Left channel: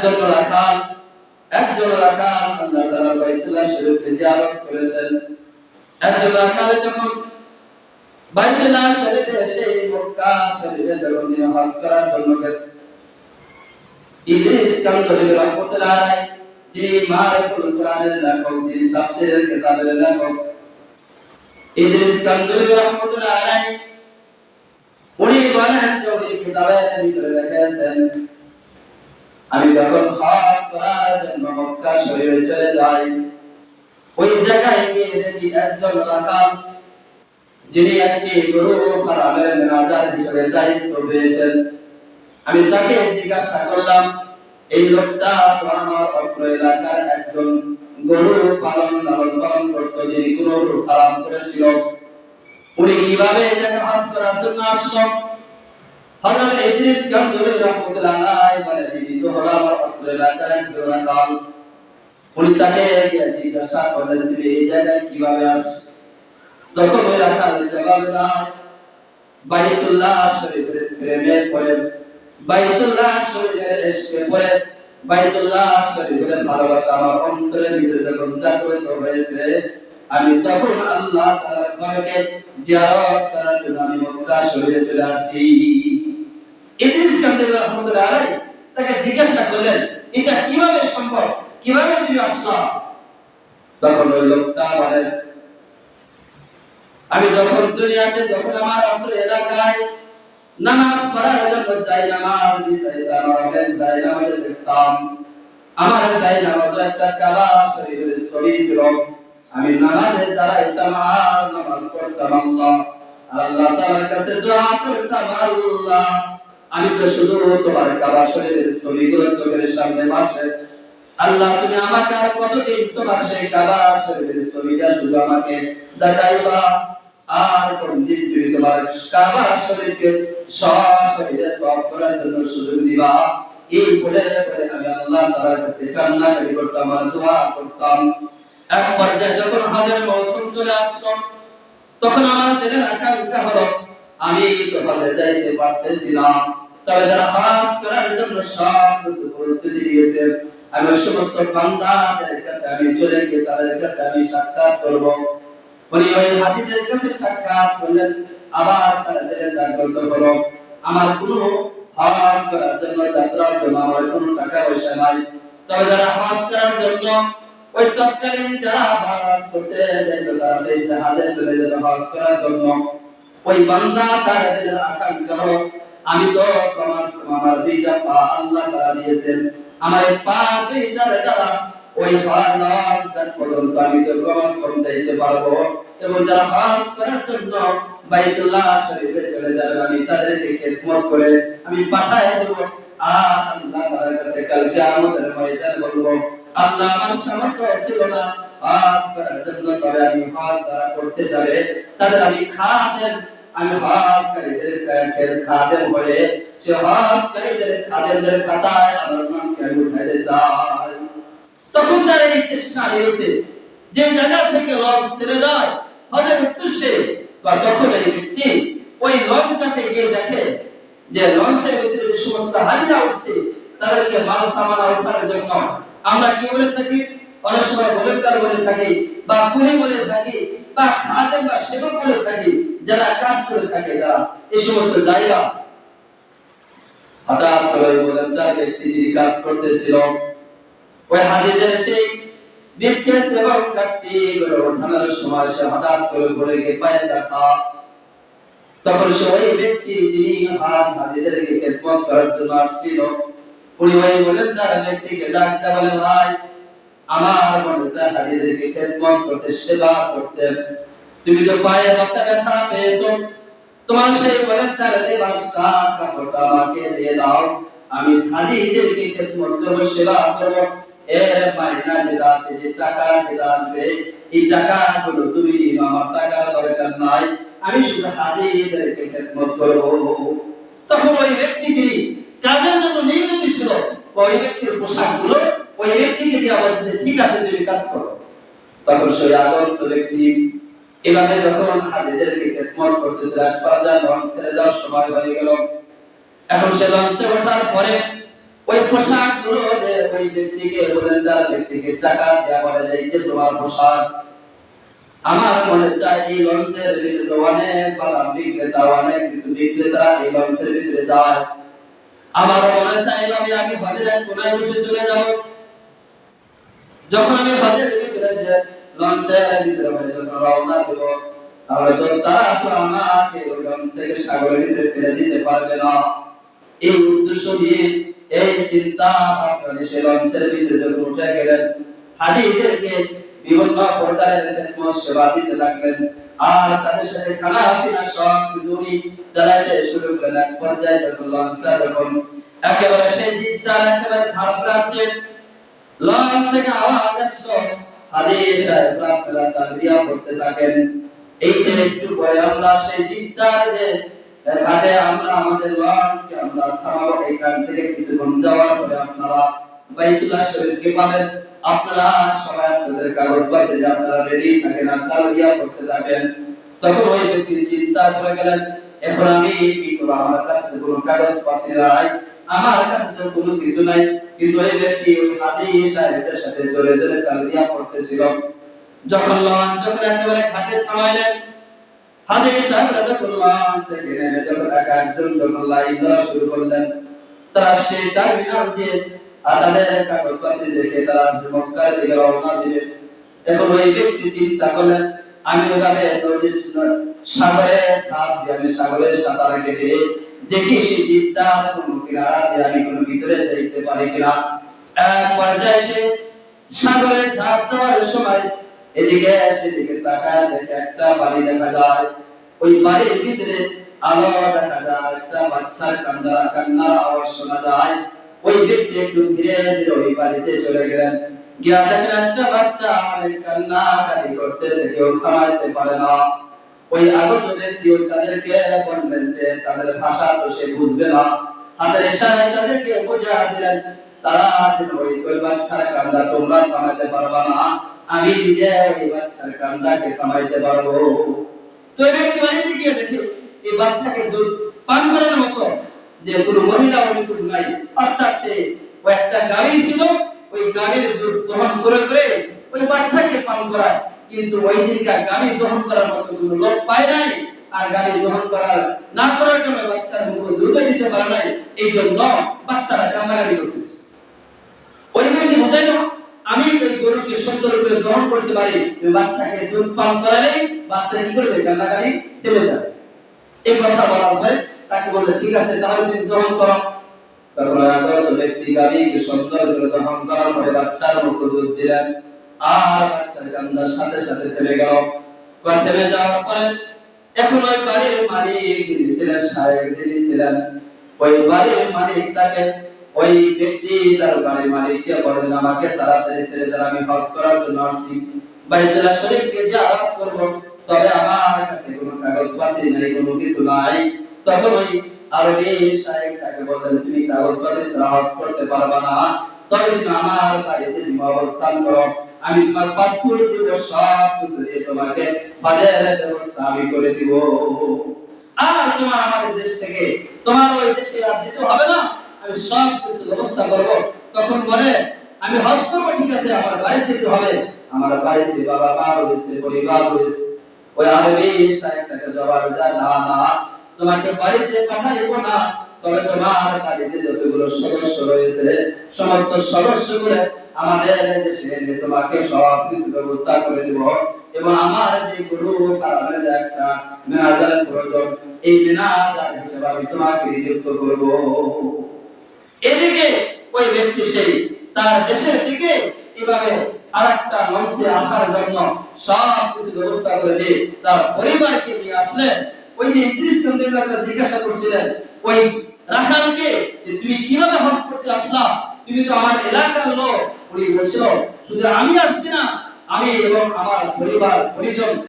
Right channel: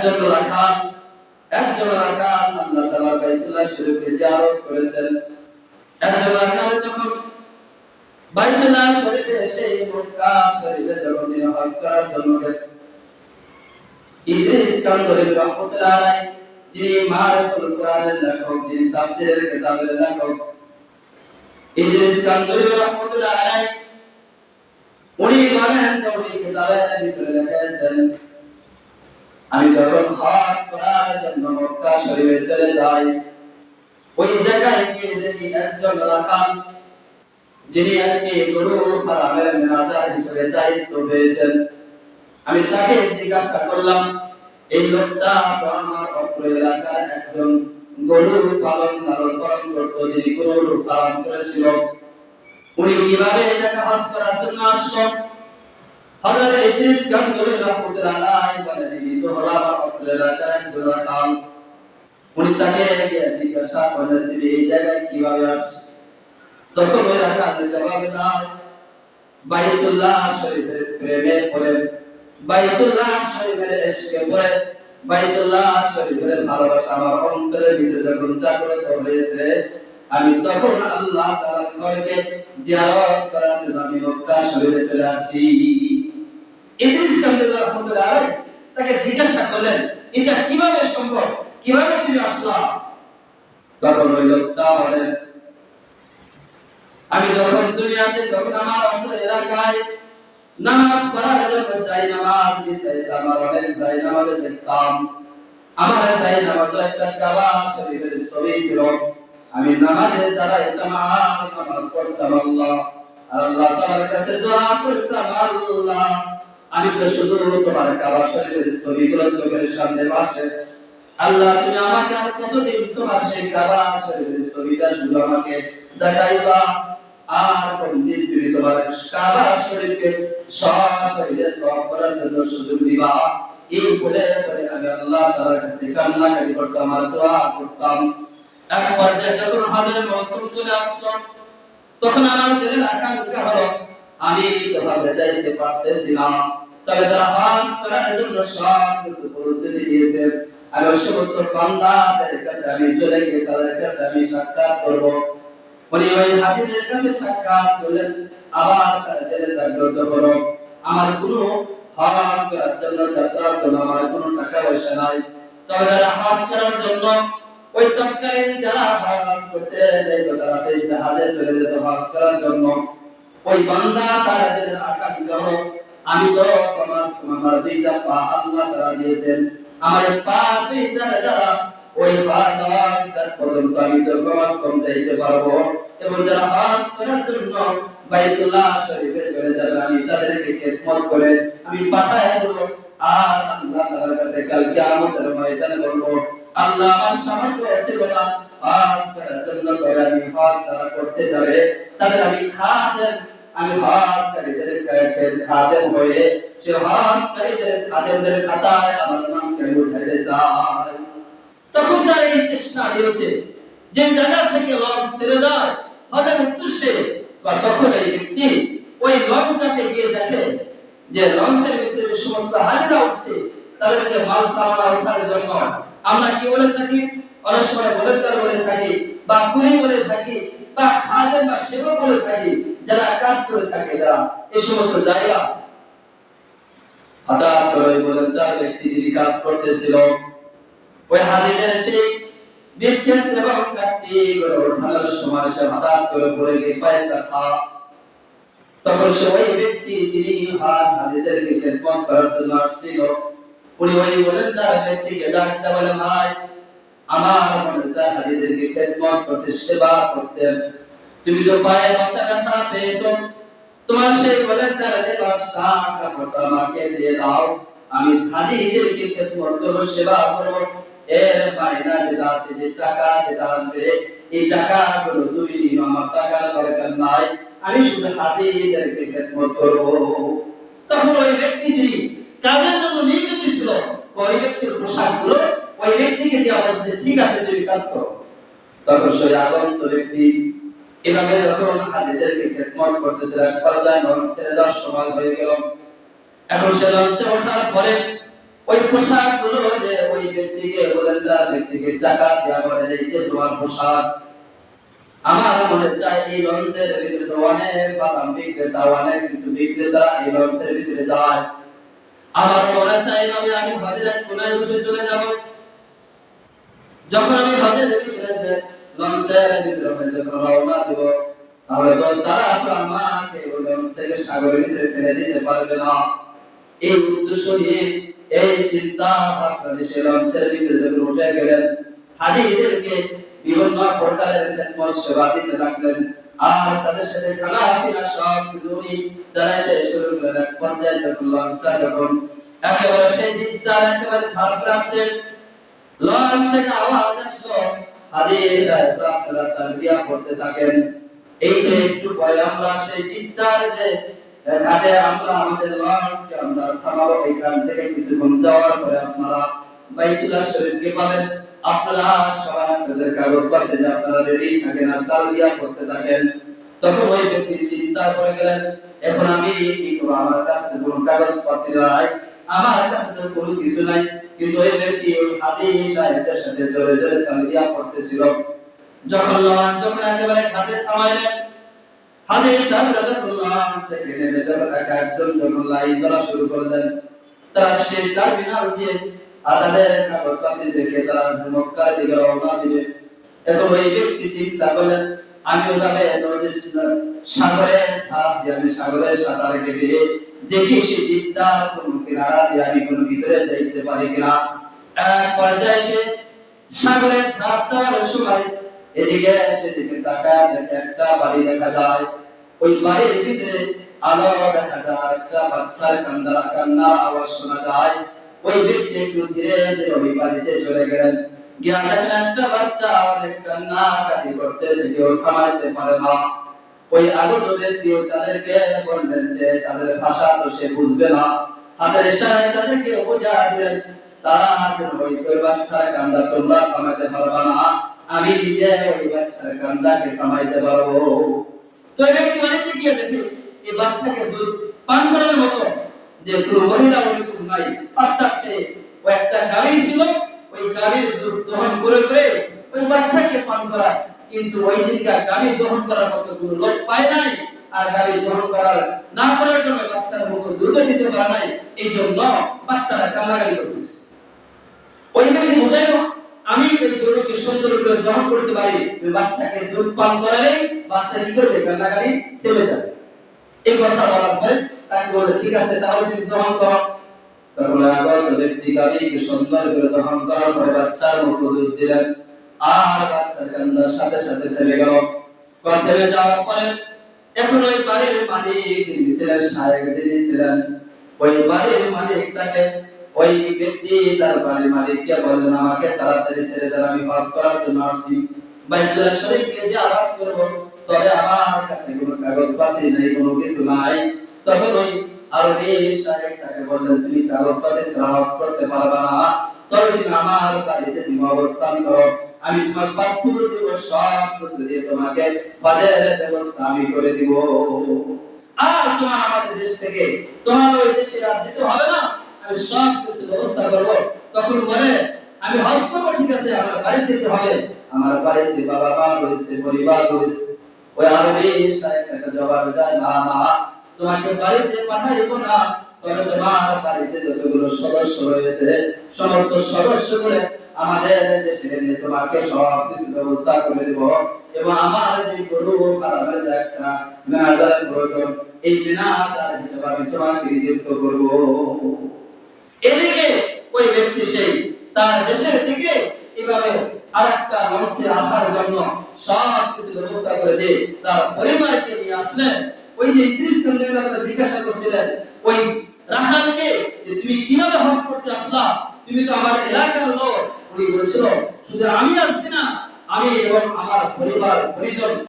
একজন রাখাল আল্লাহ তাআলার বাইতুল্লাহ শরীফকে জিয়ারত করেছেন। একজন রাখাল যখন বাইতুল্লাহ শরীফে সেই মক্কা শরীফে যখন তিনি হজ করার জন্য গেছেন, ইদ্রিস কান্দরী রাহমাতুল্লাহ আলাইহি, যিনি মারিফুল কোরআনের লেখক, যিনি তাফসীরের কিতাবের লেখক, ইদ্রিস কান্দরী রাহমাতুল্লাহ আলাইহি উনি বলেন যে উনি কিতাবের ভিতরে লিখেছেন, আমি যখন হজ করার জন্য মক্কা শরীফে চলে যাই, ওই জায়গায় গিয়ে দেখি একজন রাখাল যিনি একটি গরু ফার্মের ম্যানেজার হিসেবে দায়িত্ব পেয়েছেন। আমি তাকে জিজ্ঞাসা করলাম, এই লোকটা তো আমার অত্র এলাকার একজন গরু লালন পালন করত, যিনি গরুর ফার্ম করেছিল, উনি কিভাবে এখানে হজ করার জন্য আসলো? হযরত ইদ্রিস কান্দরী রাহমাতুল্লাহ আলাইহি বলেন, ইনি তো হলো আমার অত্র এলাকার একজন রাখাল। উনি তাকে জিজ্ঞাসা করলেন, তুমি এই জায়গায় কিভাবে আসছো? তখন ওই রাখাল জবাব দেয়, বাইতুল্লাহ শরীফের প্রেমে পড়ে, বাইতুল্লাহ শরীফের ইশকে পড়ে, বাইতুল্লাহ শরীফের ভালোবাসা আমার অন্তরের ভিতরে যখন জাগ্রত হয়েছে, আমি তখন আল্লাহ তাআলার ঘরকে জিয়ারত করার জন্য আমি মক্কা শরীফে চলে আসছি। ইদ্রিস কান্দরী রাহমাতুল্লাহ আলাইহি তাকে জিজ্ঞাসা করলেন, এটা কিভাবে সম্ভব, কিভাবে তুমি আসলা? তখন ওই লোকটা বলেন, আমি যখন দুনিয়াতে যখন আমার অন্তর এলাকায় নামাজ পড়ার জন্য যাই, নামাজ দিছাইতাম, অনেক যাই নামাজে দেখতাম, আমার যাই নামাজ একটা কাবা শরীফের ছবি ছিল। আমি নামাজে দাঁড়াইতাম আর নামাজ পড়তাম আল্লাহ তাআলার কাছে দোয়া করতাম, আল্লাহ আমি তো শুধু তোমার কাবা শরীফের ছবিগুলো চোখের সামনে ভাসে, আল্লাহ তুমি আমাকে আর কতদিন তোমার সেই কাবা শরীফের ছবিটা শুধু আমাকে দেখাইবা, আর কোনদিন তুমি তোমার কাবা শরীফকে সশরীরে তওয়াফ করার জন্য সুযোগ দিবা? এই বলে আমি আল্লাহ তাআলার কাছে কান্নাকাটি করতাম আর দোয়া করতাম। এক পর্যায়ে যখন হজের মৌসুম চলে আসলো, তখন আমার দিলের আকাঙ্ক্ষা হলো আমি তো হজে যাইতে পারতেছি না, তবে যারা হজ করার জন্য সব কিছু প্রস্তুতি দিয়েছে, আমি ওই সমস্ত বান্দাদের কাছে আমি চলে গিয়ে তাদের কাছে আমি সাক্ষাৎ করব। উনি ওই হাজিদের কাছে সাক্ষাৎ করলেন, আবার তাদের জাগ্রত হলো, আমার কোনো হজ করার জন্য যাত্রার জন্য আমার কোনো টাকা পয়সা নাই, তবে যারা হজ করার জন্য ওই তৎকালীন যারা হজ করতে যাইতো, তারা এই জাহাজে চলে যেত হজ করার জন্য, ওই বান্দা তাদের আকাঙ্ক্ষা হলো আমি তো আমার দুইটা পা আল্লাহ তাআলা দিয়েছেন, আমার পা দুইটা দ্বারা ওই হজ পর্যন্ত আমি তো কমাস কম যাইতে পারবো, এবং যারা হজ করার জন্য বাইতুল্লাহ শরীফে চলে যাবে আমি তাদেরকে খেদমত করে আমি পাঠায় দেব। আর আল্লাহ তাআলার কাছে কাল কিয়ামতের ময়দানে বলবো, আল্লাহ আমার সামর্থ্য ছিল না হজ করার জন্য, তবে আমি হজ তারা করতে যাবে তাদের আমি খাদেম, আমি হজকারীদের খাদেম হয়ে সে হজকারীদের খাদেমদের খাতায় আমার নামকে আমি উঠাইতে চাই। তখন তার এই চেষ্টা নিরতে যে জায়গা থেকে লঞ্চ ছেড়ে যায় হজের উদ্দেশ্যে, তখন এই ব্যক্তি ওই লঞ্চটাকে গিয়ে দেখে যে লঞ্চের ভিতরে যে সমস্ত হাজিরা উঠছে, তাদেরকে মাল সামানা ওঠার জন্য আমরা কি বলে থাকি, অনেক সময় ভলেন্টিয়ার বলে থাকি, বা কুলি বলে থাকি, বা খাদেম বা সেবক বলে থাকি, যারা কাজ করে থাকে, যারা এই সমস্ত জায়গা। হঠাৎ করে ভলেন্টিয়ার ব্যক্তি যিনি কাজ করতেছিল, ওই হাজিদের সেই বিক্ষেস এবং কাটটি করে ওঠানোর সময় সে হঠাৎ করে পড়ে গিয়ে পায়ে ব্যথা। তখন সে ওই ব্যক্তি যিনি হাজিদেরকে খেদমত করার জন্য আসছিল, উনি ওই ভলেন্টিয়ার ব্যক্তিকে ডাক দিয়ে বলেন, ভাই আমার মনে চায় হাজিদেরকে খেদমত করতে, সেবা করতে, তুমি তো পায়ে ব্যথা পেয়েছো, তোমার সেই ভলেন্টিয়ার লেবাসটা কাপড়টা আমাকে দিয়ে দাও, আমি হাজিদেরকে খেদমত করব, সেবা করব, এর মাইনা যেটা আসে, যে টাকা যেটা আসবে, এই টাকাগুলো তুমি নিও, আমার টাকার দরকার নাই, আমি শুধু হাজিদেরকে খেদমত করব। তখন ওই ব্যক্তি যিনি কাজের জন্য নিয়োজিত ছিল, ওই ব্যক্তির পোশাকগুলো ওই ব্যক্তিকে দিয়ে বলছে, ঠিক আছে তুমি কাজ করো। তখন সেই আগত ব্যক্তি এভাবে যখন হাজিদেরকে খেদমত করতেছে, এক পর্যায়ে লঞ্চ ছেড়ে যাওয়ার সময় হয়ে গেল। এখন সে লঞ্চে ওঠার পরে ওই পোশাক গুলো যে ওই ব্যক্তিকে বলেন, তার ব্যক্তিকে টাকা দেওয়া বলে যে এই যে তোমার পোশাক। আমার মনে চায় এই লঞ্চের ভিতরে অনেক বাদাম বিক্রেতা, অনেক কিছু বিক্রেতা এই লঞ্চের ভিতরে যায়। আমার মনে চায় আমি আগে হজের এক কোনায় বসে চলে যাব। যখন আমি হজের ভিতরে যে লঞ্চের ভিতরে হয়ে যখন রওনা দেব, তাহলে তো তারা তো আমাকে ওই লঞ্চ থেকে সাগরের ভিতরে ফেলে দিতে পারবে না। এই উদ্দেশ্য নিয়ে এই চিন্তা ভাবনা নিয়ে সে লঞ্চের ভিতরে যখন উঠে গেলেন, হাজিদেরকে বিভিন্ন প্রকারের খেদমত সেবা দিতে লাগলেন, আর তাদের সাথে খানা পিনা সব কিছু উনি চালাইতে শুরু করলেন। এক পর্যায়ে যখন লঞ্চটা যখন একেবারে সেই জিদ্দার একেবারে ধার প্রান্তে লঞ্চ থেকে আওয়াজ আসলো, হাজি সাহেব আপনারা তালবিয়া পড়তে থাকেন। এই যে একটু পরে আমরা সেই জিদ্দার যে ঘাটে আমরা আমাদের লঞ্চকে আমরা থামাবো, এখান থেকে কিছুক্ষণ যাওয়ার পরে আপনারা বাইতুল্লাহ শরীফকে পাবেন। আপনারা সবাই আপনাদের কাগজপত্র যে আপনারা রেডি থাকেন আর তালবিয়া পড়তে থাকেন। তখন ওই ব্যক্তি চিন্তা করে গেলেন, এখন আমি কি করব, আমার কাছে তো কোনো কাগজপত্র নাই, আমার কাছে তো কোনো কিছু নাই। কিন্তু ওই ব্যক্তি ওই হাজী সাহেবের সাথে জোরে জোরে তালবিয়া পড়তেছিল। যখন লঞ্চ যখন একেবারে ঘাটে থামাইলেন, হাজী সাহেব রাদিয়াল্লাহু থেকে নেমে যখন একজন যখন লাইন ধরা শুরু করলেন, তারা সেই টার্মিনাল দিয়ে তাদের কাগজপত্র দেখে তারা মক্কার দিকে রওনা দিবে। এখন ওই ব্যক্তি চিন্তা করলেন, আমি ওভাবে সাগরে ঝাঁপ দিয়ে আমি সাগরের সাঁতার কেটে দেখি সেই জিদ্দার কোন কিনারা দিয়ে আমি কোনো ভিতরে যাইতে পারি কিনা। এক পর্যায়ে সে সাগরে ঝাঁপ দেওয়ার সময় এদিকে সেদিকে তাকায় দেখে একটা বাড়ি দেখা যায়। ওই বাড়ির ভিতরে আলো দেখা যায়, একটা বাচ্চার কান্নার আওয়াজ শোনা যায়। ওই ব্যক্তি একটু ধীরে ধীরে ওই বাড়িতে চলে গেলেন। গিয়া দেখেন একটা বাচ্চা অনেক কান্নাকাটি করতেছে, কেউ থামাইতে পারে না। ওই আগত ব্যক্তি তাদেরকে বললেন যে তাদের ভাষা তো সে বুঝবে না, হাতের ইশারায় তাদেরকে বোঝা দিলেন তারা যেন ওই বাচ্চার কান্না তোমরা থামাইতে পারবা না, আমি নিজে ওই বাচ্চার কান্নাকে থামাইতে পারবো। তো এই ব্যক্তি বাড়িতে গিয়ে দেখে এই বাচ্চাকে দুধ পান করার মতো যে কোনো মহিলা ওইরকম নাই, অর্থাৎ সে ওই একটা গাড়ি ছিল, ওই গাড়ির দুধ দহন করে করে ওই বাচ্চাকে পান করায়। কিন্তু ওই দিনকার গাড়ি দহন করার মতো কোনো লোক পায় নাই, আর গাড়ি দহন না করার জন্য বাচ্চার মুখে দুধ দিতে পারে নাই, এই জন্য বাচ্চারা কান্নাকাটি করতেছে। ওই ব্যক্তি বুঝাইল, আমি এই গরুকে সুন্দর করে দহন করতে পারি, বাচ্চাকে দুধ পান করালে বাচ্চা কি করবে, কান্নাকাটি থেমে যাবে। এই কথা বলার পরে তাকে বলে ঠিক আছে তাহলে তুমি দহন করো। তখন আগত ব্যক্তি গাভীকে সুন্দর করে দহন করার পরে বাচ্চার মুখে দুধ দিলেন, আর বাচ্চার কান্নার সাথে সাথে থেমে গেল। থেমে যাওয়ার পরে এখন ওই বাড়ির মালিক যিনি ছিলেন, শায়েখ যিনি ছিলেন, ওই বাড়ির মালিক তাকে ওই ব্যক্তি তার বাড়ির মালিককে বললেন, আমাকে তাড়াতাড়ি ছেড়ে দেন, আমি হজ করার জন্য আসছি, বাইতুল্লাহ শরীফকে জিয়ারত করব, তবে আমার কাছে কোনো কাগজপত্র নাই, কোনো কিছু নাই। তখন ওই আরবি শায়েখ তাকে বললেন, তুমি কাগজপত্র ছাড়া হজ করতে পারবে না, তবে তুমি আমার বাড়িতে তুমি অবস্থান করো, আমি তোমার পাসপোর্ট দিব, সব কিছু দিয়ে তোমাকে হজের ব্যবস্থা আমি করে দিব। আর তোমার আমাদের দেশ থেকে তোমার ওই দেশে আর যেতে হবে না, আমি সব কিছু ব্যবস্থা করব। তখন বলে, আমি হজ করব ঠিক আছে, আমার বাড়ি যেতে হবে, আমার বাড়িতে বাবা মা রয়েছে, পরিবার রয়েছে। ওই আরবি শায়েখ তাকে জবাব দেয়, না না, তোমাকে বাড়িতে পাঠাইবো না, তবে তোমার বাড়িতে যতগুলো সদস্য রয়েছে সমস্ত সদস্যগুলো আমাদের দেশে এনে তোমাকে সব কিছু ব্যবস্থা করে দেব, এবং আমার যে গরু ফার্মের যে একটা ম্যানেজারের প্রয়োজন, এই ম্যানেজার হিসেবে আমি তোমাকে নিযুক্ত করব। এদিকে ওই ব্যক্তি সেই তার দেশের দিকে এভাবে আরেকটা মঞ্চে আসার জন্য সব কিছু ব্যবস্থা করে দিয়ে তার পরিবারকে নিয়ে আসলেন। ওই যে ইদ্রিস চন্দ্রকে জিজ্ঞাসা করছিলেন ওই রাখালকে যে তুমি কিভাবে হজ করতে আসলা, তুমি তো আমার এলাকার লোক। উনি বলছিল শুধু আমি আসছি না, আমি এবং আমার পরিবার পরিজন